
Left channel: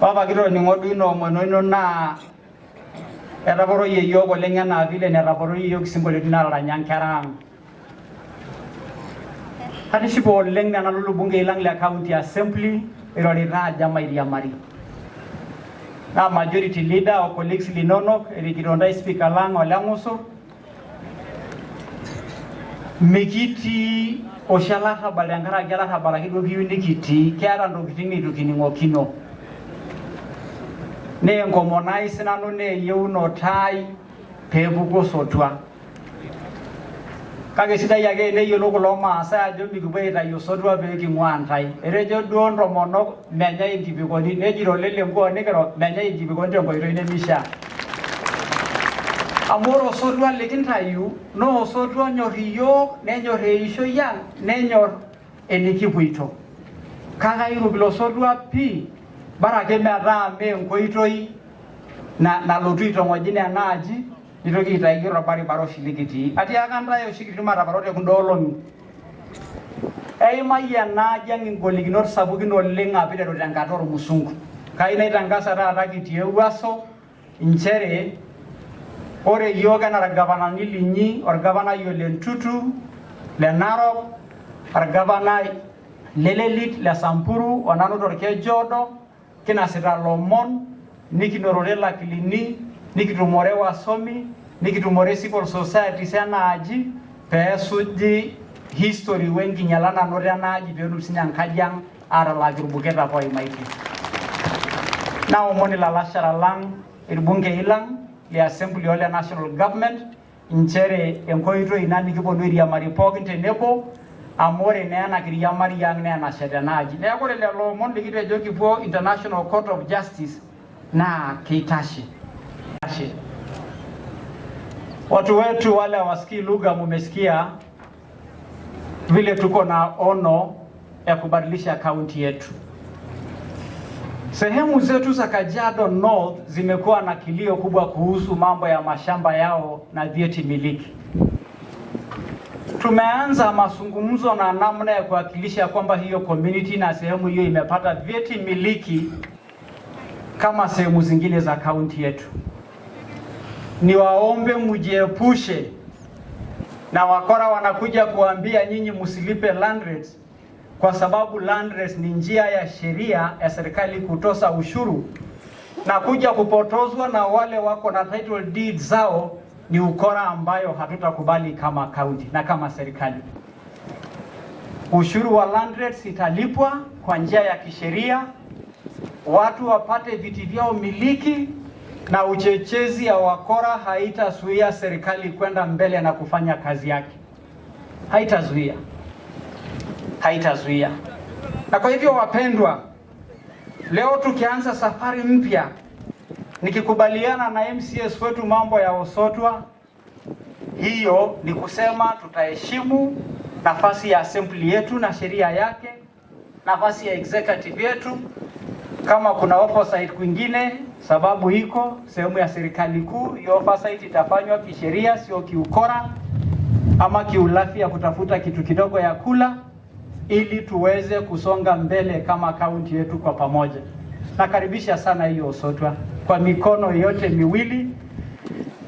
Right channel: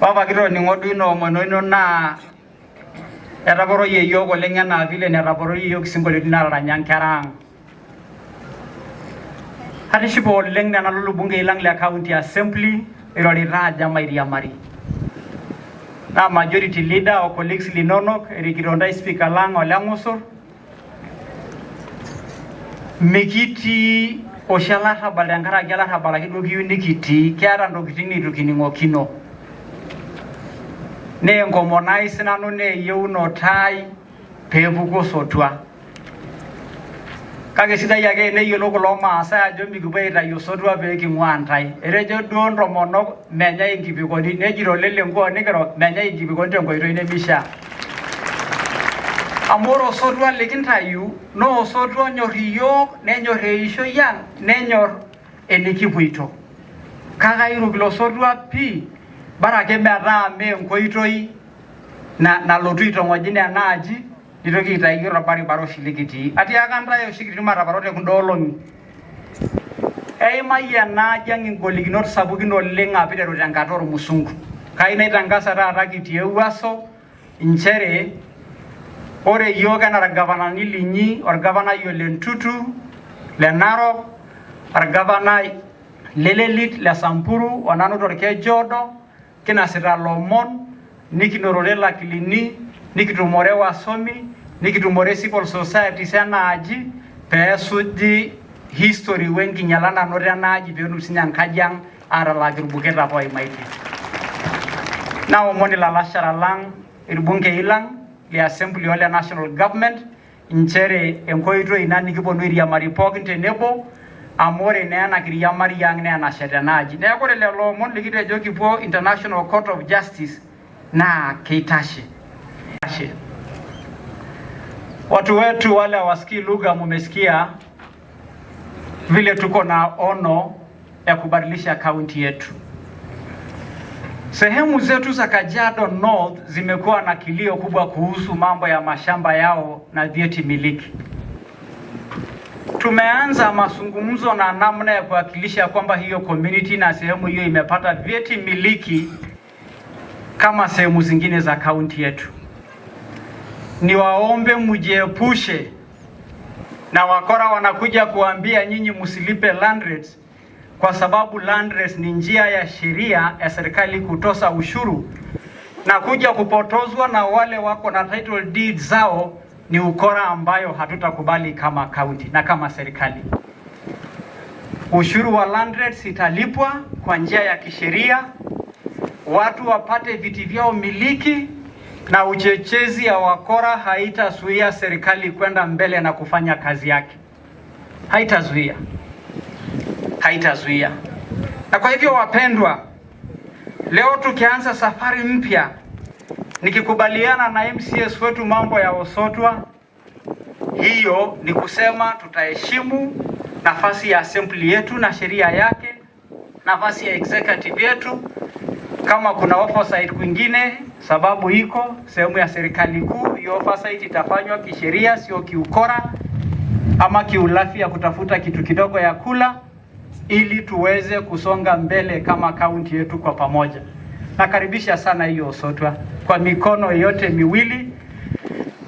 Papa kito ning'o duino omonoino naa etaporoyie yiok oleng enaa vile netaporoyie yiok isinkolioti naaranya nkera ang'. Hatishipo oleng nena lulubunge ilang le county assembly irorita aja mairiamari. Na majority leader o colleagues linonok erikitondai speaker lang Ole Ng'usur mikiti oshalata balangara gelata balakido kiunikiti kiara ndokitin nitukining'okino. Ne ngomonai sinanu ne yeuno tai peepuku sotua. Kake sidai ake neyiolo kulo maasai ajo mikipuo aitayu osotua pee king'uaa ntai. Etejo duo ntomonok menyai inkipikoni, nejito lelenkuo nikiro menyai inkipikoni tenkoitoi nemishaa. Amu ore osotua likintayu naa osotua onyorr iyiok, nenyorr eishoi ang', nenyorr enikipuito. Kake airuk ilo sotua pii bara ake metaa mee enkoitoi nalotu aitong'ojin enaaji nitoki aitayu orbaribara oshi likitii. Atiaka ntae oshi kitii mataparote kunda olong'i. Eimayie enaaji ang' ingolikinot sapukin oleng apiteru tenkata ormusungu. Kai naitangasa taata kitii Ewuaso nchere ore yiok enaa irgavanani linyi, orgavanai Ole Ntutu le Narok, orgavanai le Lelit le Samburu onanu torkejodo kinasita lomon nikinorore lakilini nikitumore wasomi nikitumore civil society enaaji peesuji history wenkinyala nanoto enaaji peetum sinye enkaji ang' atalaki irbuketa apa oimaitie. Naomoni lalashara lang irbungei lang le assembly ole national government nchere enkoitoi ina nikiponu airiamari pookin tenebo amu ore naa ena kiriamari ang' naa enashet enaaji. Neeku ore lelo omon likitejo kipuo International Court of Justice naa keitashe. Watu wetu wale wasikii lugha mumesikia vile tuko na ono ya kubadilisha kaunti yetu. Sehemu zetu za Kajiado North zimekuwa na kilio kubwa kuhusu mambo ya mashamba yao na vyeti miliki. Tumeanza mazungumzo na namna ya kuhakikisha kwamba hiyo community na sehemu hiyo imepata vyeti miliki kama sehemu zingine za kaunti yetu. Niwaombe mjiepushe na wakora wanakuja kuambia nyinyi msilipe land rates, kwa sababu land rates ni njia ya sheria ya serikali kutosa ushuru, na kuja kupotozwa na wale wako na title deeds zao ni ukora ambayo hatutakubali kama county na kama serikali. Ushuru wa land rates italipwa kwa njia ya kisheria, watu wapate viti vyao miliki, na uchechezi ya wakora haitazuia serikali kwenda mbele na kufanya kazi yake. Haitazuia. Na kwa hivyo wapendwa, leo tukianza safari mpya nikikubaliana na MCS wetu mambo ya Osotwa, hiyo ni kusema tutaheshimu nafasi ya assembly yetu na sheria yake, nafasi ya executive yetu. Kama kuna oversight kwingine, sababu iko sehemu ya serikali kuu, hiyo oversight itafanywa kisheria, sio kiukora ama kiulafi ya kutafuta kitu kidogo ya kula. ili tuweze kusonga mbele kama kaunti yetu kwa pamoja. Nakaribisha sana hiyo Osotwa kwa mikono yote miwili,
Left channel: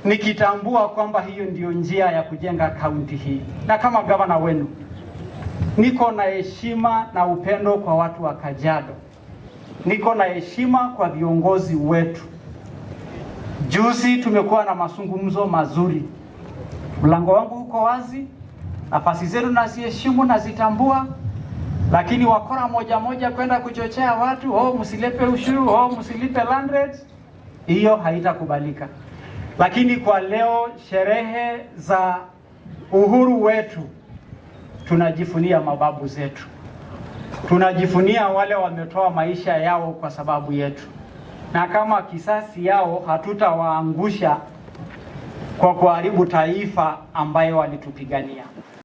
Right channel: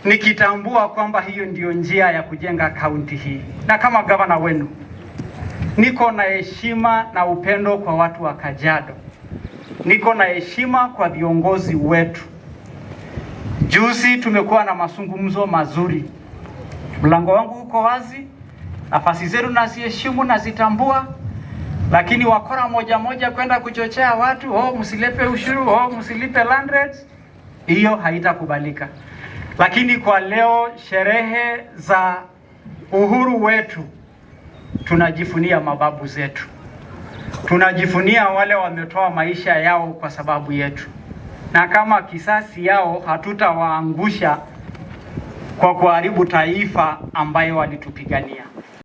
nikitambua kwamba hiyo ndio njia ya kujenga kaunti hii. Na kama gavana wenu, niko na heshima na upendo kwa watu wa Kajiado. Niko na heshima kwa viongozi wetu. Juzi tumekuwa na mazungumzo mazuri. Mlango wangu uko wazi, nafasi zenu naziheshimu na zitambua, lakini wakora moja moja kwenda kuchochea watu, msilipe ushuru, msilipe land rates, hiyo haitakubalika. Lakini kwa leo, sherehe za uhuru wetu, tunajifunia mababu zetu. Tunajifunia wale wametoa maisha yao kwa sababu yetu. Na kama kisasi yao hatutawaangusha kwa kuharibu taifa ambayo walitupigania.